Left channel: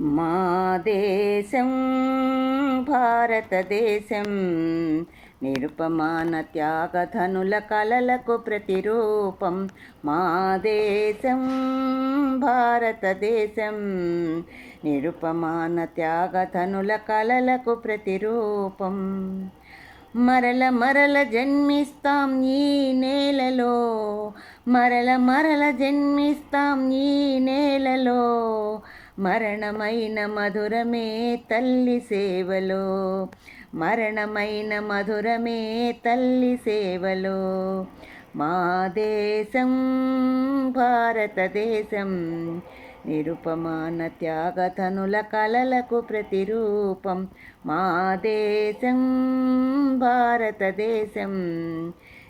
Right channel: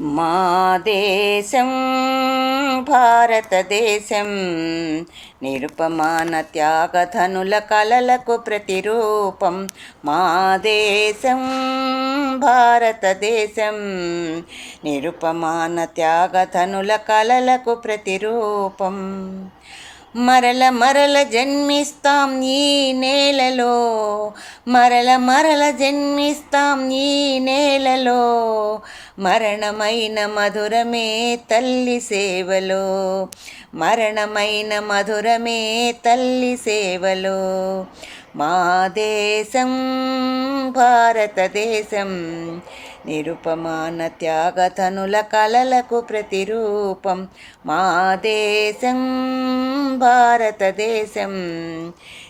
మా దేశం భారతదేశం నిరుపమాన త్యాగధనుల కలలకు ప్రతిరూపం. మా దేశం భారతదేశం నిరుపమాన త్యాగధనుల కలలకు ప్రతిరూపం. మరల మరల జన్మిస్తాం ఈ నేలలో, మరల మరల జన్మిస్తాం ఈ నేలలో. మరణమైన మధురమే తల్లి సేవలో, మరణమైన మధురమే తల్లి సేవలో. మా దేశం భారతదేశం నిరుపమాన త్యాగధనుల కలలకు ప్రతిరూపం. మా దేశం భారతదేశం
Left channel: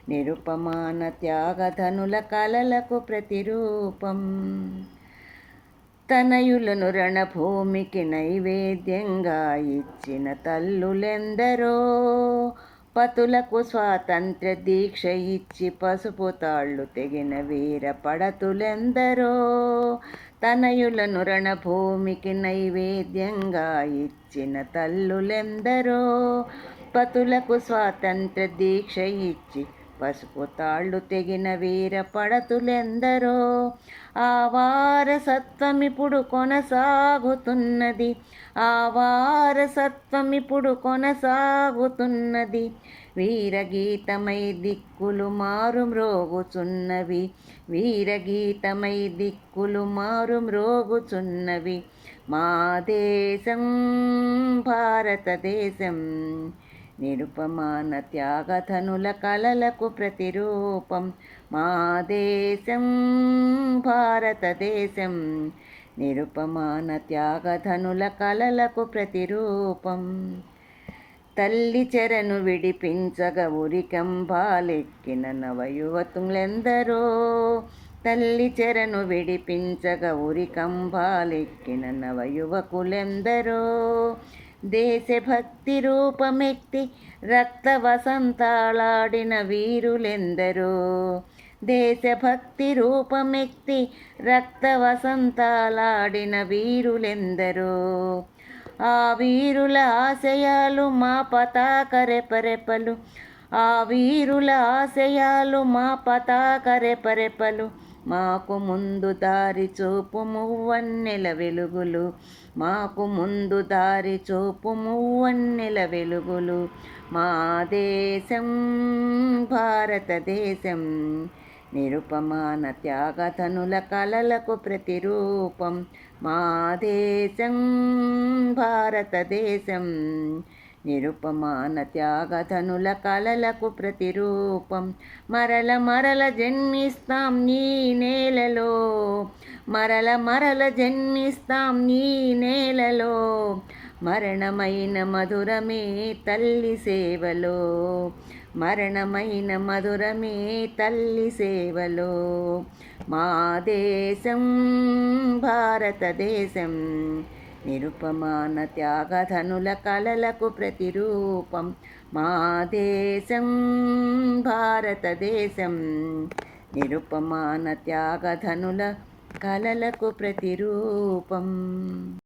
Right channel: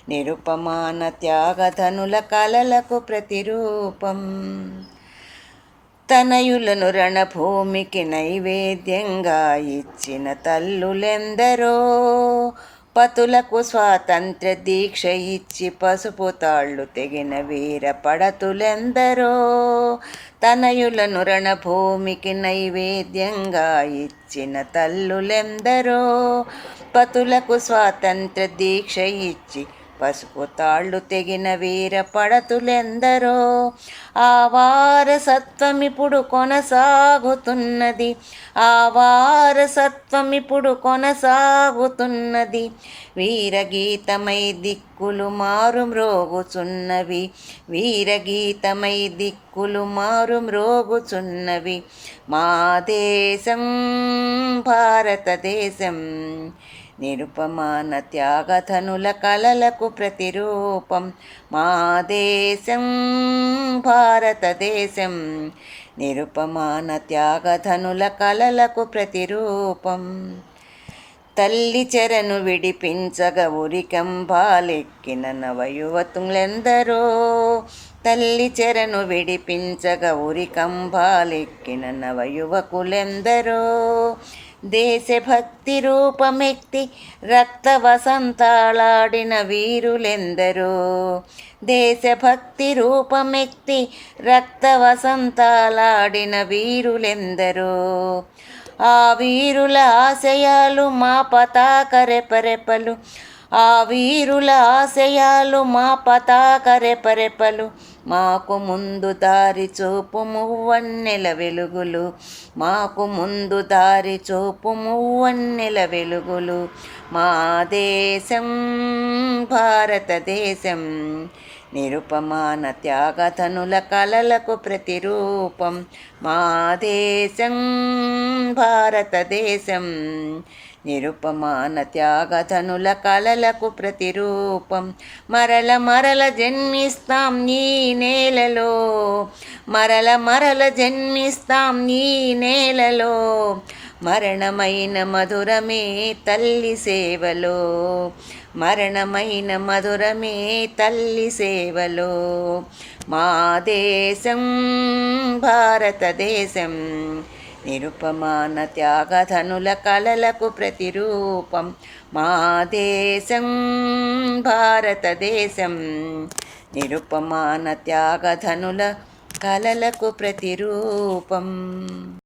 నిరుపమాన త్యాగధనుల కలలకు ప్రతిరూపం. తనయులను రణభూమికి నైవేద్యంగా ఇచ్చిన తల్లులెందరో, పతులకు స్వాతంత్ర్య దీక్ష ఇచ్చి పసుపు తాళ్ళు తెగిన వీర పడతులెందరో. తనయులను రణభూమికి నైవేద్యంగా ఇచ్చిన తల్లులెందరో, పతులకు స్వాతంత్ర్య దీక్ష ఇచ్చి పసుపు తాళ్ళు తెగిన వీర పడతులెందరో. ఆ వారసత్వమిప్పుడు కొనసాగుతున్నది, ఆ వారసత్వమిప్పుడు కొనసాగుతున్నది. వీరగీతమై దిక్కులు మారు మ్రోగుచున్నవి, వీరగీతమై దిక్కులు మారు మ్రోగుచున్నవి. మా దేశం భారతదేశం నిరుపమాన త్యాగధనుల కలలకు ప్రతిరూపం. మా దేశం భారతదేశం నిరుపమాన త్యాగధనుల కలలకు ప్రతిరూపం. తల్లి చెరను విడిపించగ ఉరికంబాలెక్కిన నవయువతులెందరో, తల్లి చెరను విడిపించగ ఉరికంబాలెక్కిన నవయువకులెందరో. దేశభక్తి రూపమెత్తి రక్త వసంతాలాడిన వీరులెందరో, దేశభక్తి రూపమెత్తి రక్త వసంతాలాడిన వీరులెందరో. ఆ వీరుల ఆశయాలు మా పతాక రెపరెపలు, ఆ వీరుల ఆశయాలు మా పతాక రెపరెపలు. మాకు ముందు దారి చూపు మువ్వన్నెల వెలుగులు, మాకు ముందు దారి చూపు మువ్వన్నెల వెలుగులు. మా దేశం భారతదేశం నిరుపమాన త్యాగధనుల కలలకు ప్రతిరూపం. మా దేశం భారతదేశం నిరుపమాన త్యాగధనుల కలలకు ప్రతిరూపం. మరల మరల జన్మిస్తాం ఈ నేలలో, మరల మరల జన్మిస్తాం ఈ నేలలో. మరణమైన మధురమే తల్లి సేవలో, మరణమైన మధురమే తల్లి సేవలో. మా దేశం భారతదేశం నిరుపమాన త్యాగధనుల కలలకు ప్రతిరూపం. మా దేశం భారతదేశం నిరుపమాన త్యాగధనుల కలలకు ప్రతిరూపం.